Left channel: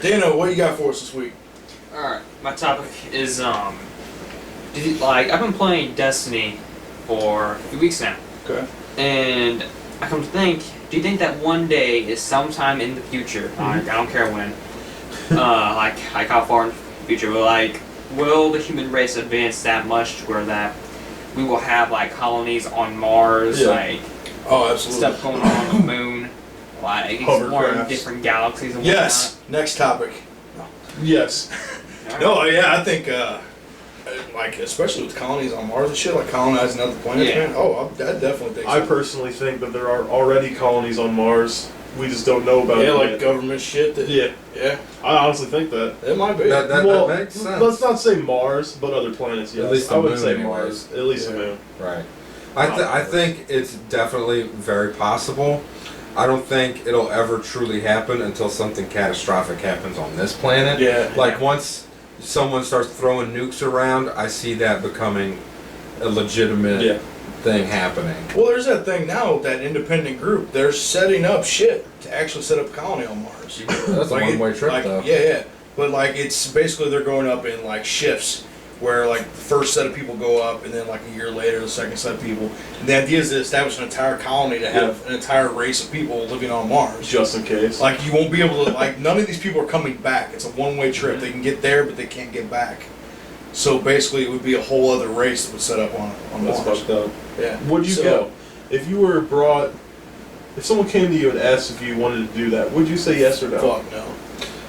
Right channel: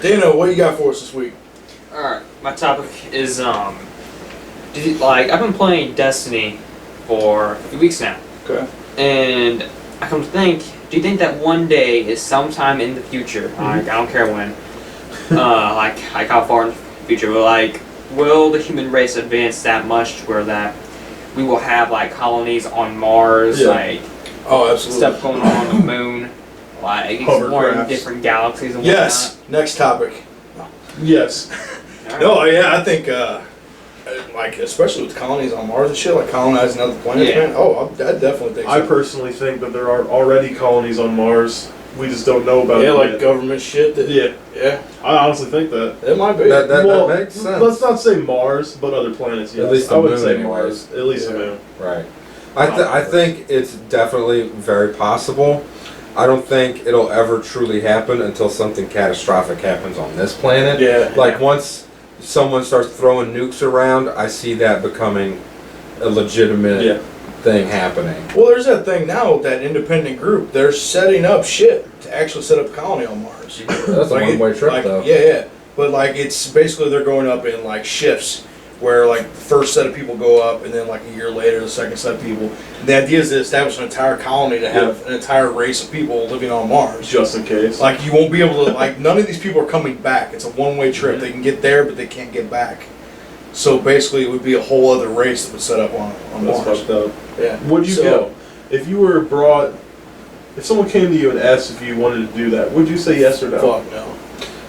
Dano, what you got for us this week? Alright, my topic is, I've been playing Destiny for a few weeks now. Okay. And I come to think, do you think that one day is sometime in the future, I don't care when, like how far in the future, but will the human race advance that much to where that we will have colonies on Mars, oh, absolutely, stuff going on the moon, exploring different galaxies and whatnot? Yes. Next topic. Yes. Right. No, yeah, I think especially with colonies on Mars and shit, colonizing other planets, man. Oh, I definitely think so. I personally think that there are already colonies on Mars. We just don't know about it. Yeah, yet. government shit. Yeah. I honestly think that. It might be. That makes sense. Let's not say Mars, but other planets, yes. At least the I would moon say anyways. Mars. At least the moon. Right. I think it's definitely very possible. I don't think it'll ever truly happen until something catastrophic happens on this planet. Yeah. Once someone starts throwing nukes around, I see that becoming a legitimate thing happening. Well, there's that thing now, that independent group, they're setting up shit to actually set up a colony on Mars. That's a one-way trip, though. Yeah. But, it's basically they're going up in, shifts, where, the first set of people go up, and then, a year later, the second set of people. And the idea is to establish an entire colony to have an entire race of people living on Mars. Just in case. You won't be able to, none of these people are coming back. It's a one-way trip. They can get there, but they can't get back. So, basically, it would be a whole other race that would set up on That's Mars. fucked up. Yeah. Would you go? If you were brought... If someone came to you and asked if you wanted to do that, would you say yes or no? Fuck no.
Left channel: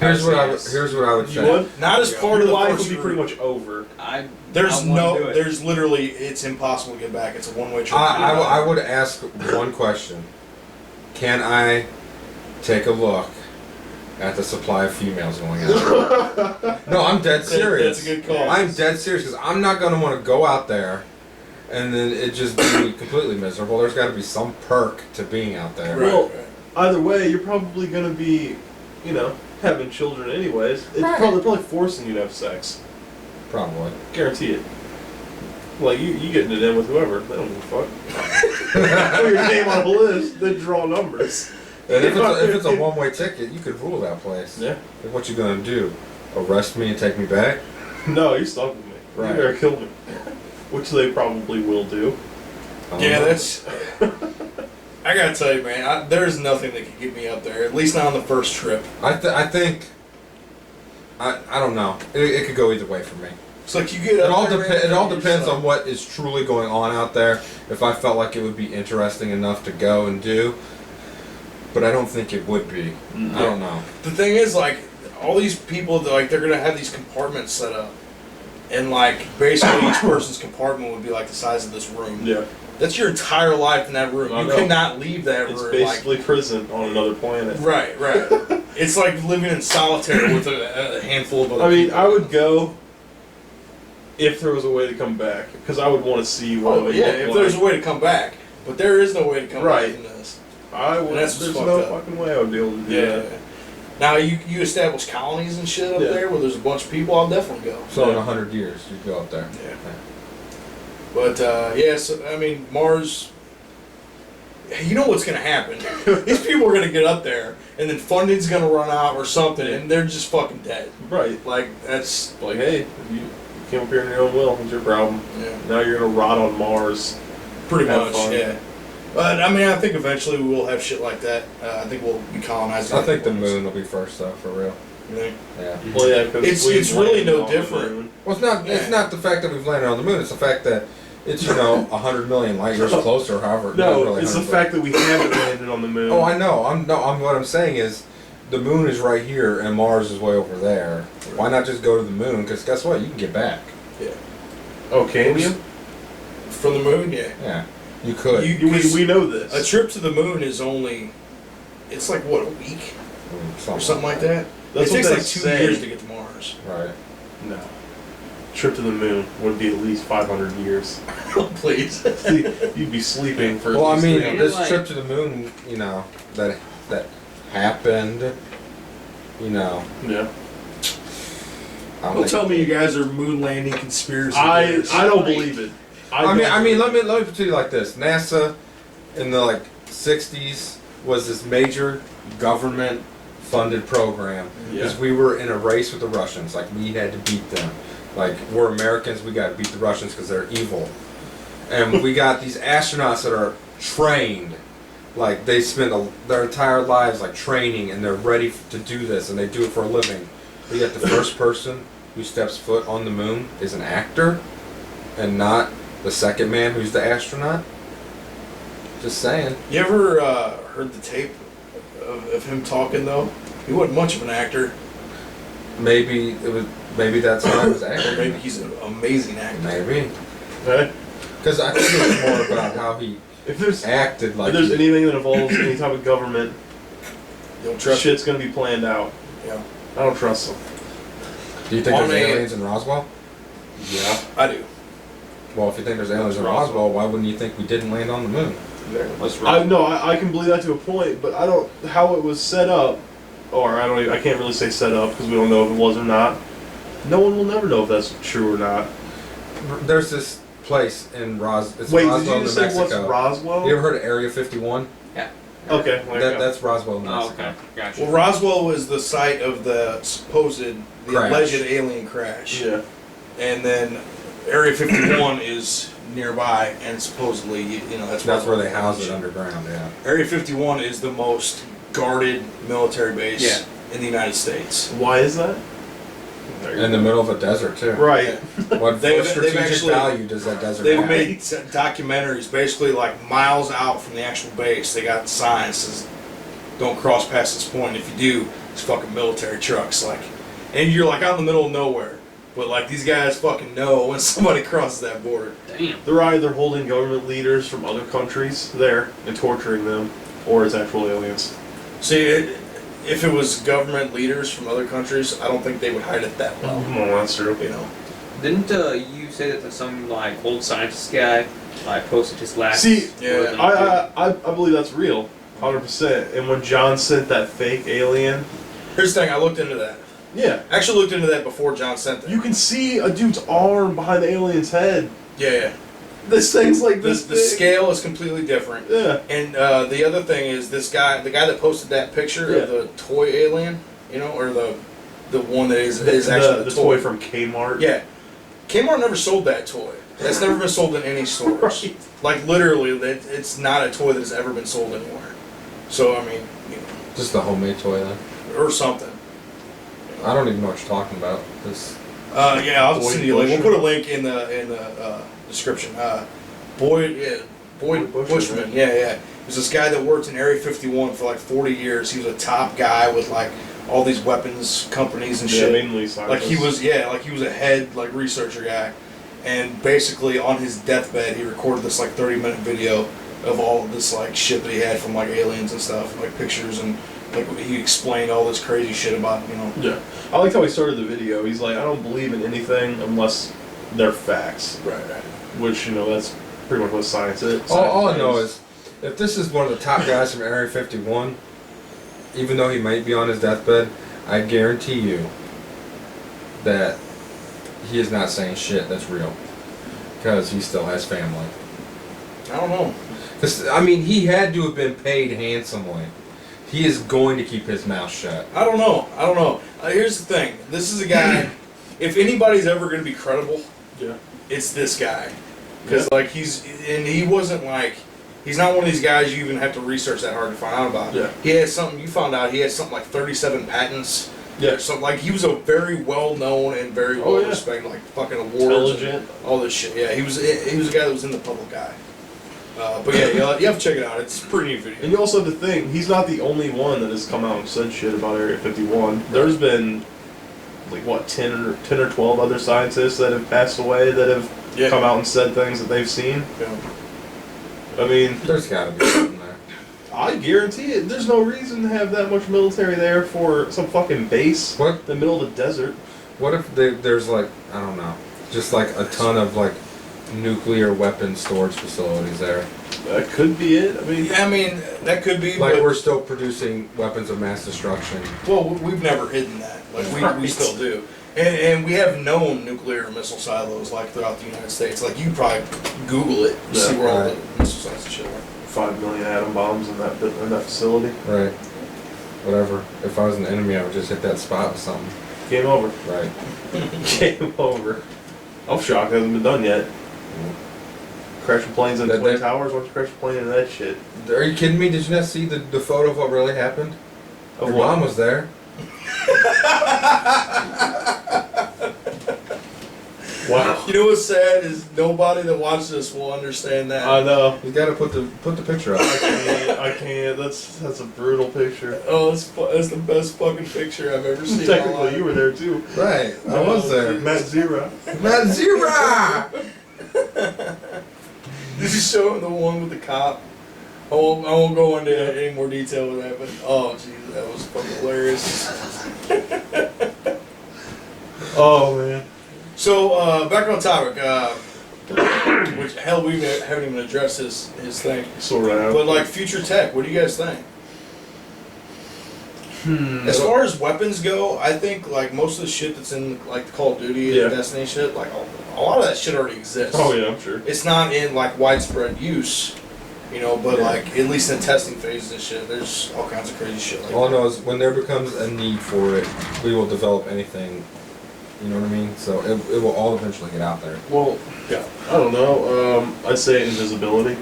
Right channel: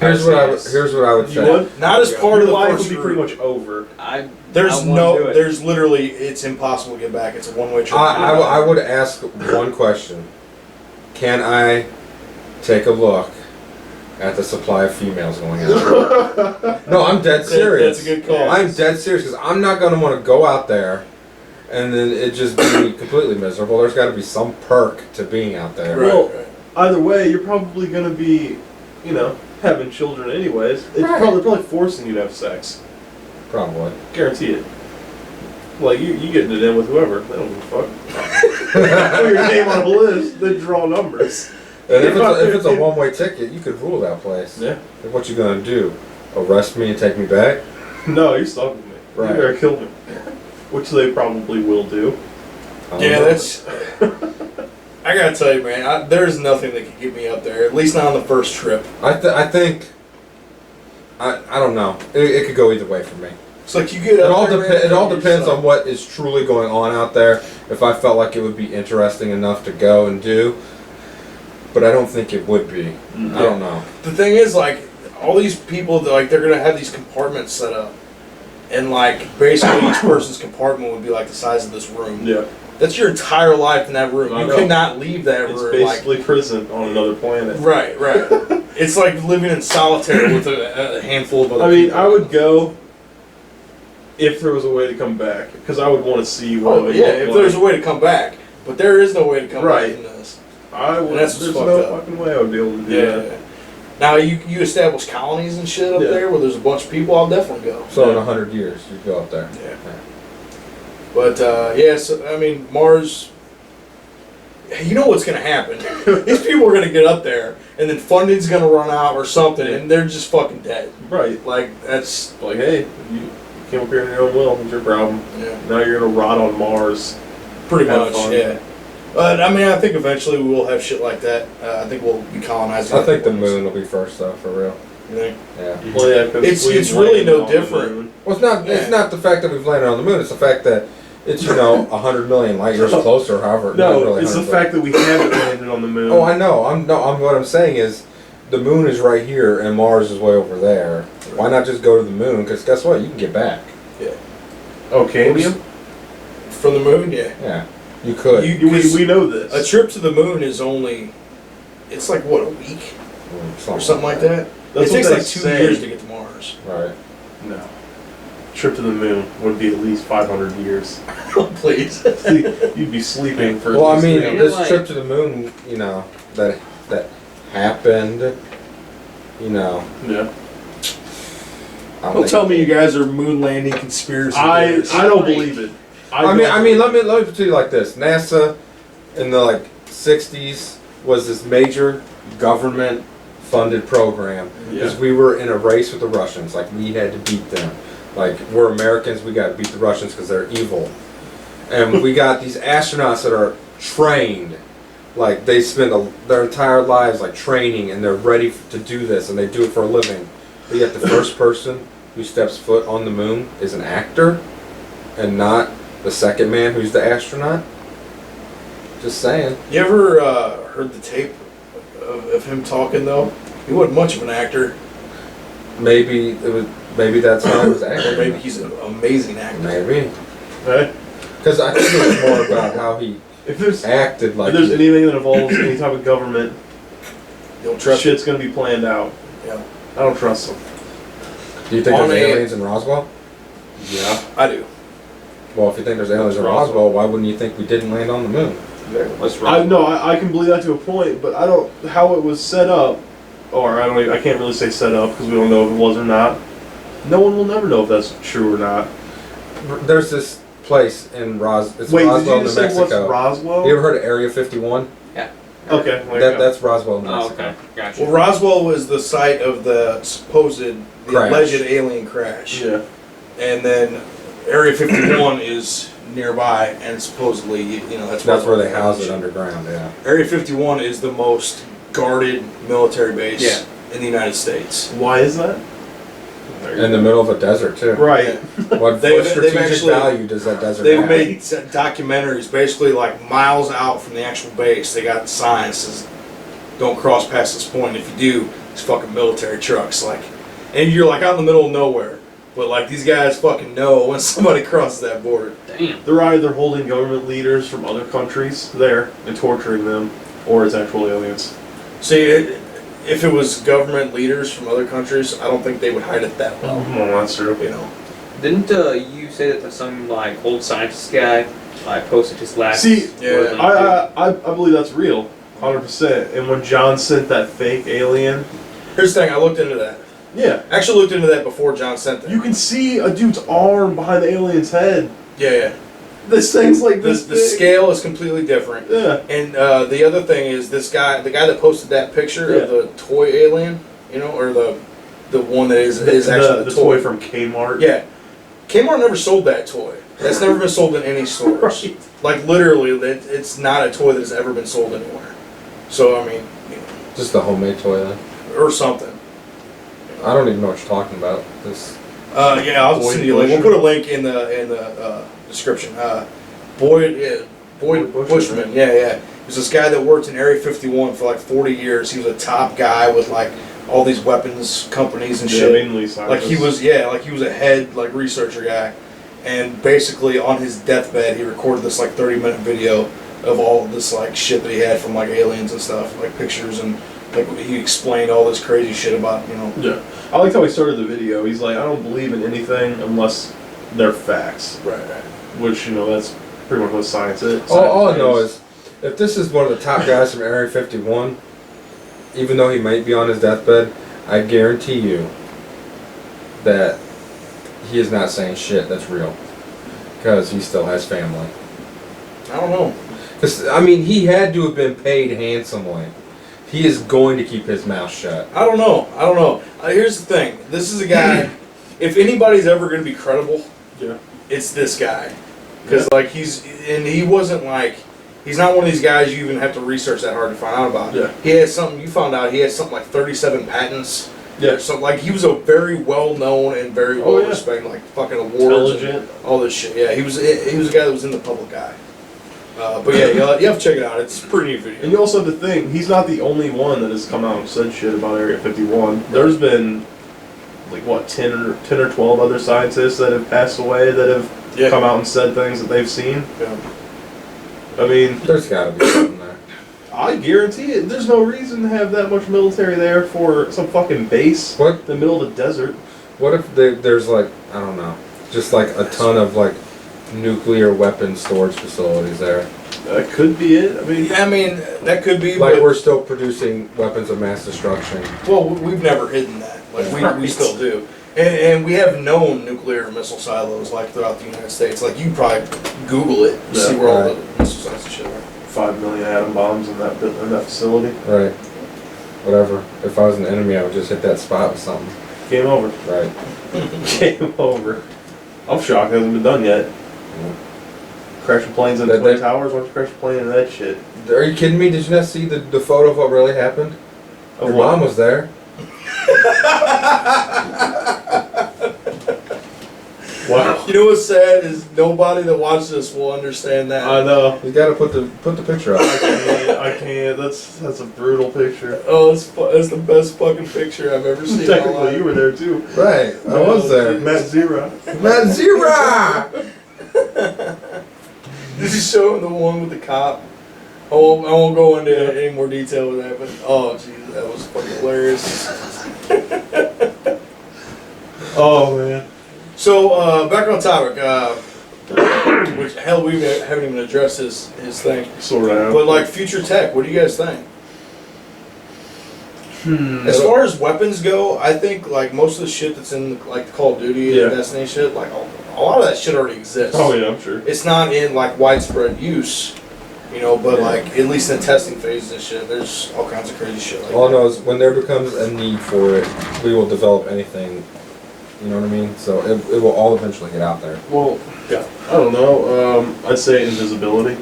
Here's what I would say. You would? Not as part of the life first would be group. pretty much over. There's literally, it's impossible to get back. It's a one-way trip. I would ask one question. Can I take a look at the supply of females going out? No, I'm dead serious. That's a good call. I'm dead serious because I'm not going to want to go out there and then it just be completely miserable. There's got to be some perk to being out there. Right, Well, right. either way, you're probably going to be, having children anyways. It's probably forcing you to have sex. Probably. Guarantee it. You getting it in with whoever. They don't give a fuck. Put your name on a list, then draw numbers. And if it's a one-way ticket, you could rule that place. Yeah. And what you gonna do? Arrest me and take me back? No, you're stuck with me. Right. You better kill me. Which they probably will do. Yeah, that's... I gotta tell you, man, there's nothing that can get me up there, at least not on the first trip. I think... I don't know. It could go either way for me. It's you get up there, It all depends on what is truly going on out there. If I felt like it would be interesting enough to go and do. But I don't think it would be. I don't know. The thing is, all these people, they're gonna have these compartments set up. And, basically each person's compartment would be the size of this room. Yeah. That's your entire life in that room. I You know. cannot leave that It's room. basically prison on another planet. Right. It's like living in solitaire with a handful of other people. I would go if there was a way to come back, because I would want to see what it would look if there's a way to come back. But there is no way to come back from this. I would. That's There's fucked no up. fucking way I would be able to do that. Now, you establish colonies and shit up there where there's a bunch of people, I'll definitely go. So in 100 years, you'd go up there. Yeah. But, so, Mars... You know what's going to happen. These people are going to get up there, and then funding's going to run out or something, and they're just fucking dead. Right. That's... Hey, you came up here on your own will. It's your problem. Yeah. Now you're going to rot on Mars. Pretty Have much, fun. yeah. But, I think eventually we will have shit like that. I think we'll be colonizing. I think the moon will be first, though, for real. You think? Yeah. Well, yeah, because It's really no different. Well, it's not. It's not the fact that we've landed on the moon. It's the fact that it's 100 million light years closer. However, not No, really it's the 100, fact that we haven't landed on the moon. Oh, I know. What I'm saying is, the moon is right here and Mars is way over there. Why not just go to the moon? Because guess what? You can get back. Yeah. Oh, can you? From the moon, yeah. Yeah. You could. We know this. A trip to the moon is only... It's a week? Or something like that? That's it what takes they 2 say. years to get to Mars. Right. No. Trip to the moon would be at least 500 years. Please. You'd be sleeping for. Well, at least 3 hours. this trip to the moon, that happened, Yeah. Don't tell me you guys are moon landing conspiracy I theorists. don't believe it. Let me put it like this: NASA in the 60s was this major government funded program because we were in a race with the Russians. Like we had to beat them. Like we're Americans, we got to beat the Russians because they're evil. And we got these astronauts that are trained. Like they spend their entire lives like training, and they're ready to do this, and they do it for a living. But yet the first person who steps foot on the moon is an actor, and not the second man who's the astronaut. Just saying. You ever heard the tape of him talking though? He wasn't much of an actor. Maybe that's how he was acting. Or maybe he's an amazing actor. Maybe. Right? Because I think it was more about how he acted like. If there's anything that involves any type of government, Don't trust shit's gonna be planned out. Yeah. I don't trust them. Do you think there's aliens in Roswell? Yeah. I do. Well, if you think there's aliens in Roswell, why wouldn't you think we didn't land on the moon? I can believe that to a point, but I don't how it was set up, or I can't really say set up because we don't know if it was or not. No one will never know if that's true or not. There's this place in Roswell, Wait, New did you just say Mexico. what's Roswell? You ever heard of Area 51? Yeah. Okay. That's Roswell, New Oh, Mexico. okay. Gotcha. Well, Roswell was the site of the Crash. alleged alien crash. Yeah. And then Area 51 is nearby, and supposedly, that's where they house it underground. Yeah. Area 51 is the most guarded military base in the United States. Why is that? In the middle of a desert too. Right. What They've strategic actually- value does that desert They've have? made documentaries basically like miles out from the actual base. They got signs that says, "Don't cross past this point. If you do, it's fucking military trucks." And you're like out in the middle of nowhere. But like these guys fucking know when somebody crosses that border. Damn. They're either holding government leaders from other countries there and torturing them, or it's actual aliens. See, if it was government leaders from other countries, I don't think they would hide it that well. Oh, that's true. Didn't you say that some like old scientist guy like posted his last? See, yeah. I believe that's real, 100%. And when John sent that fake alien, Here's the thing, I looked into that. yeah, I actually looked into that before John sent that. you can see a dude's arm behind the alien's head. Yeah. This thing's like The this. the scale is completely different. Yeah. And the other thing is the guy that posted that picture of the toy alien, or the one that is actually the toy from Kmart. Yeah. Kmart never sold that toy. That's never been sold in any stores. Right. Like literally, it's not a toy that has ever been sold anywhere. So I mean, Just the homemade toy then. or something. I don't even know what you're talking about. This. I'll Boyd send you a link. We'll Bushman. put a link in the description. Boyd Bushman. Yeah. He was this guy that worked in Area 51 for like 40 years. He was a top guy with like all these weapons companies and shit. Mainly Like he was a head like researcher guy, and basically on his deathbed he recorded this like 30-minute video of all this like shit that he had from like aliens and stuff, like pictures, and like he explained all this crazy shit about Yeah. I liked how he started the video. He's like, I don't believe in anything unless they're facts. Right. Which, that's pretty much what science is. All I know is, if this is one of the top guys from Area 51, even though he might be on his deathbed, I guarantee you that he is not saying shit that's real. Because he still has family. I don't know. Because, I mean, he had to have been paid handsomely. He is going to keep his mouth shut. I don't know. Here's the thing. This is a guy. If anybody's ever going to be credible, it's this guy. Because he wasn't like. He's not one of these guys you even have to research that hard to find out about. Yeah. He has something. You found out he has something like 37 patents. Yeah. Something like he was a very well known and very well respected, like fucking awards, Intelligent. and all this shit. Yeah, he was a guy that was in the public eye. But yeah, you have to check it out. It's a pretty neat video. And you also have to think, he's not the only one that has come out and said shit about Area 51. There's been, 10 or 12 other scientists that have passed away that have come out and said things that they've seen. Yeah. I mean, There's got to be something there. I guarantee it. There's no reason to have that much military there for some fucking base What? in the middle of the desert. What if there's I don't know, just a ton of nuclear weapon storage facilities there? That could be it. I mean, that could be. Like but, we're still producing weapons of mass destruction. well, we've never hidden that. We still do. And we have known nuclear missile silos throughout the United States. You probably Google it, and see where all the missile sites and shit are. 5 million atom bombs in that facility. Right. whatever. If I was an enemy, I would just hit that spot with something. Game over. Right. Game over. I'm shocked it hasn't been done yet. Crashing planes into Twin Towers. Why don't you crash a plane into that shit? Are you kidding me? Did you not see the photo of what really happened? Of Your what? mom was there. Wow. You know what's sad is nobody that watches this will understand that. I know. You gotta put the picture up. I can't. That's a brutal picture. Oh, it's the best fucking picture I've ever seen in my Technically, life. you were there too. Right, I was there. Matt Zera. Matt Zera! Did you show him the one with the cop? I won't go into any more detail with that, but oh jeez, that was fucking hilarious. Oh man. So back on topic, which hell we haven't even addressed his thing. Sort of. But like future tech, what do you guys think? As far as weapons go, I think like most of the shit that's in like the Call of Duty and Destiny shit, like a lot of that shit already exists. Oh yeah, I'm sure. It's not in like widespread use, you know, but like at least in testing phases and shit, there's all kinds of crazy shit like All I that. know is when there becomes a need for it, we will develop anything. You know what I mean? So it will all eventually get out there. Well, yeah. I don't know. I'd say invisibility.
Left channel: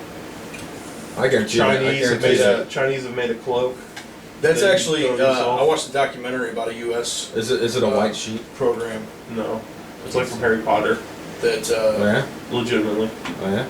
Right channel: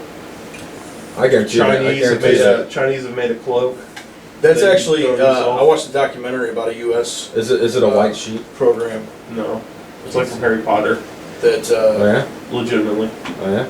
I guarantee you. Chinese have made a cloak. That's They actually, throw yourself. I watched a documentary about a U.S. Is it a white sheet? program No, it's like from Harry Potter. that Oh yeah. Legitimately. Oh yeah.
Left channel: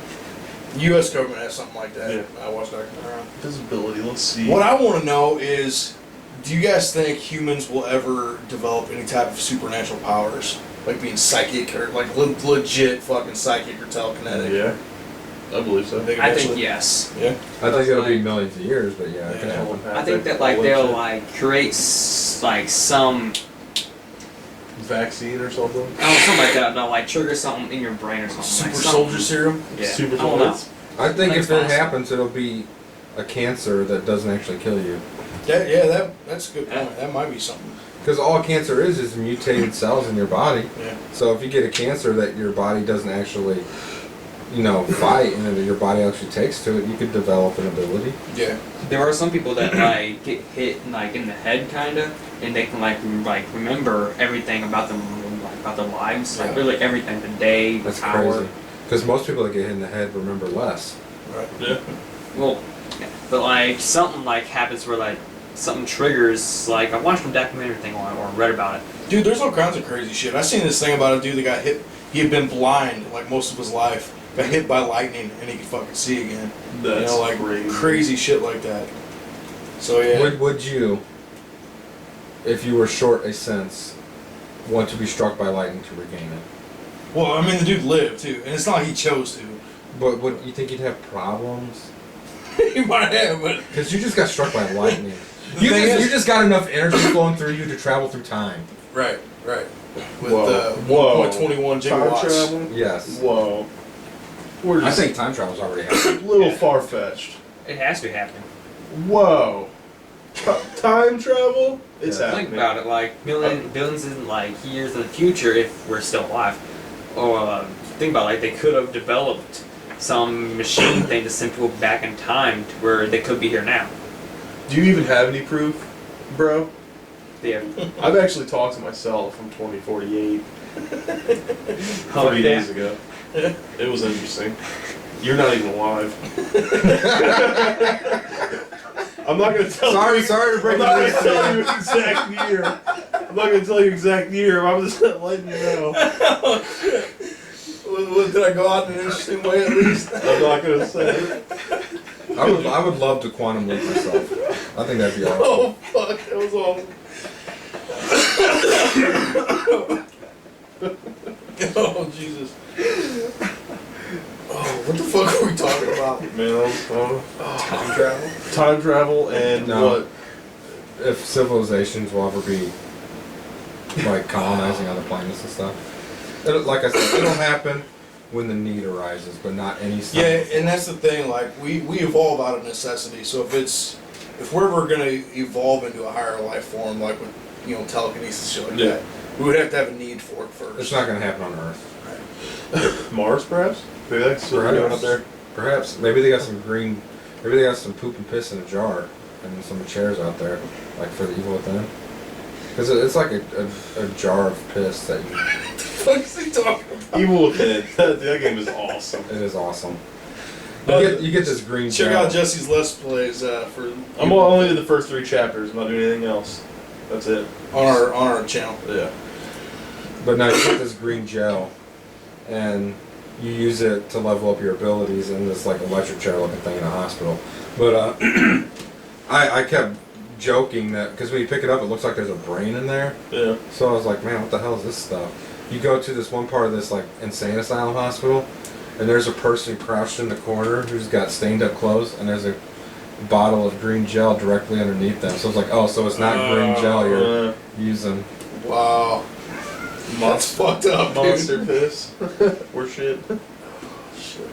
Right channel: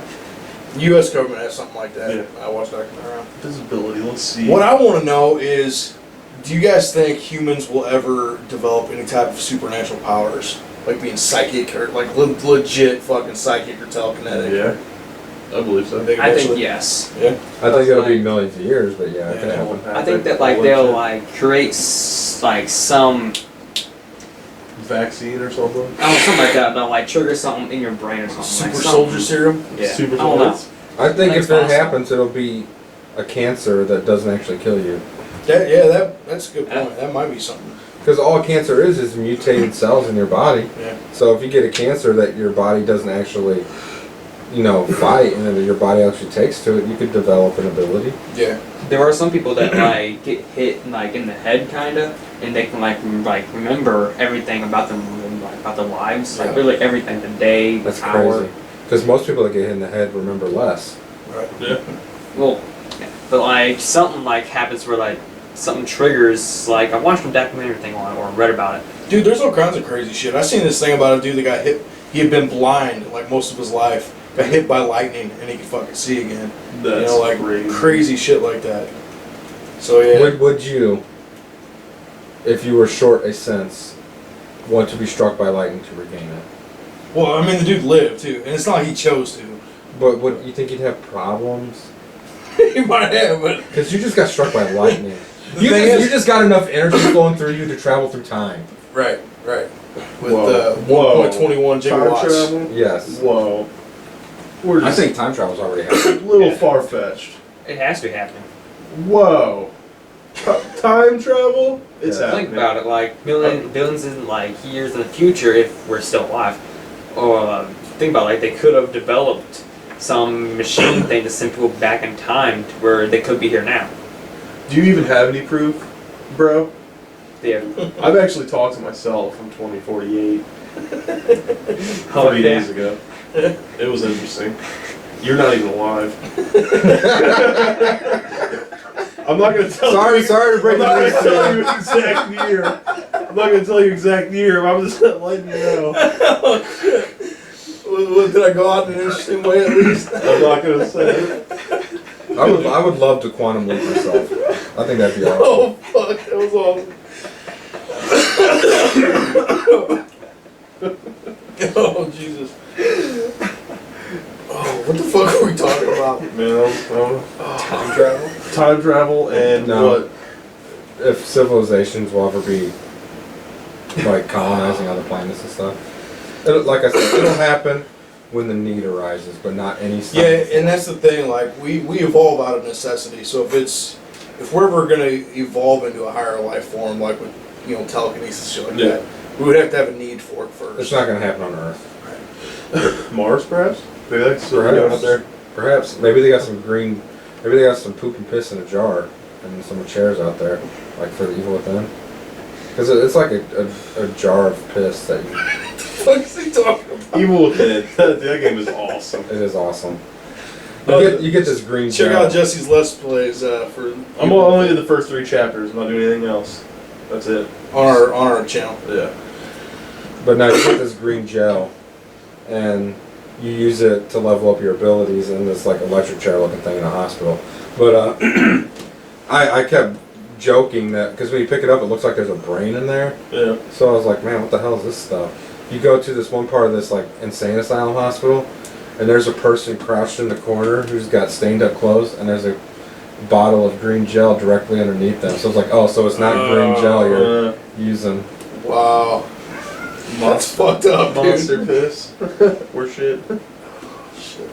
U.S. government has something like that. Yeah. I watched a documentary on. Invisibility. Let's see. What I want to know is, do you guys think humans will ever develop any type of supernatural powers? Like being psychic or like legit fucking psychic or telekinetic? Yeah, I believe so. I think eventually- yes. Yeah. I think it'll be Like- millions of years, but yeah, it can Yeah. happen. I think that like they'll like create like some vaccine or something. something like that. They'll like trigger something in your brain or something. Super like soldier serum? Yeah. Super I don't know. soldiers. I think That's if it possible. happens, it'll be a cancer that doesn't actually kill you. That's a good point. That might be something. Because all cancer is mutated cells in your body. Yeah. So if you get a cancer that your body doesn't actually, fight, and then your body actually takes to it, you could develop an ability. Yeah. There are some people that like get hit like in the head kinda, and they can like remember everything about them, like about their lives, like Yeah. really everything, the day, the That's hour. crazy. Because most people that get hit in the head remember less. Right. Yeah. Well, yeah, but like something like happens where like something triggers. Like I watched a documentary thing on it or read about it. Dude, there's all kinds of crazy shit. I seen this thing about a dude that got hit. He had been blind like most of his life. Got hit by lightning and he could fucking see again. That's like crazy. crazy shit like that. So yeah. Would you, if you were short a sense, want to be struck by lightning to regain it? Well, I mean the dude lived too, and it's not like he chose to. But would you think you'd have problems? He might have, but Because you just got struck by lightning. The thing is- You just got enough energy flowing through you to travel through time. right. With Whoa. 1.21 Time gigawatts. travel? Yes. Whoa. We're I just think time travel's already happened. a little far-fetched. It has to happen. Whoa. Time travel? It's Yeah. happening. Think about it, like billions in like years in the future, if we're still alive. Or think about it, like they could have developed some machine thing to send people back in time to where they could be here now. Do you even have any proof, bro? Yeah. I've actually talked to myself from 2048 3 days ago. It was interesting. You're not even alive. I'm not gonna tell you. Sorry to break I'm not the gonna tell you exact year. I'm not gonna tell you exact year. I'm just letting you know. Oh shit. Well, did I go out in an interesting way at least? I'm not gonna say it. I would love to quantum leap myself. I think that'd be awesome. Oh fuck, that was awesome. Oh Jesus. Oh, what the fuck are we talking about? Man, Time travel? time travel and No. what? If civilizations will ever be like colonizing other planets and stuff, like I said, it'll happen when the need arises, but not any. Yeah, and that's the thing. Like we evolve out of necessity. So if we're ever gonna evolve into a higher life form, like with telekinesis shit like that, we would have to have a need for it first. It's not going to happen on Earth. Mars, perhaps? Maybe that's what they're doing up there. Perhaps. Maybe they got some green. Maybe they got some poop and piss in a jar. and some chairs out there, like for the evil within. Because it's like a jar of piss that you. What the fuck is he talking about? Evil Within. That game is awesome. It is awesome. Oh, You get this green Check gel. out Jesse's Let's Plays for. I'm only in the first 3 chapters. I'm not doing anything else. That's it. on our channel. Yeah. But now you get this green gel, and you use it to level up your abilities in this like electric chair looking thing in a hospital. But I kept joking that because when you pick it up, it looks like there's a brain in there. Yeah. So I was like, man, what the hell is this stuff? You go to this one part of this like insane asylum hospital, and there's a person crouched in the corner who's got stained up clothes, and there's a bottle of green gel directly underneath them. So I was like, oh, so it's not green gel you're using. Wow. That's fucked up, Monster dude. piss. Or shit. Shit.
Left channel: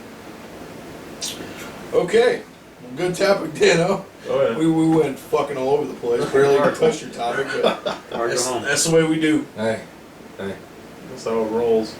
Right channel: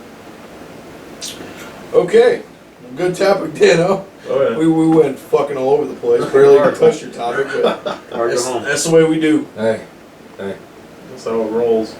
Okay. Well, good topic, Dano. Oh yeah. We went fucking all over the place. Barely even touched your topic, but Hard to go home. that's the way we do. Hey. That's how it rolls.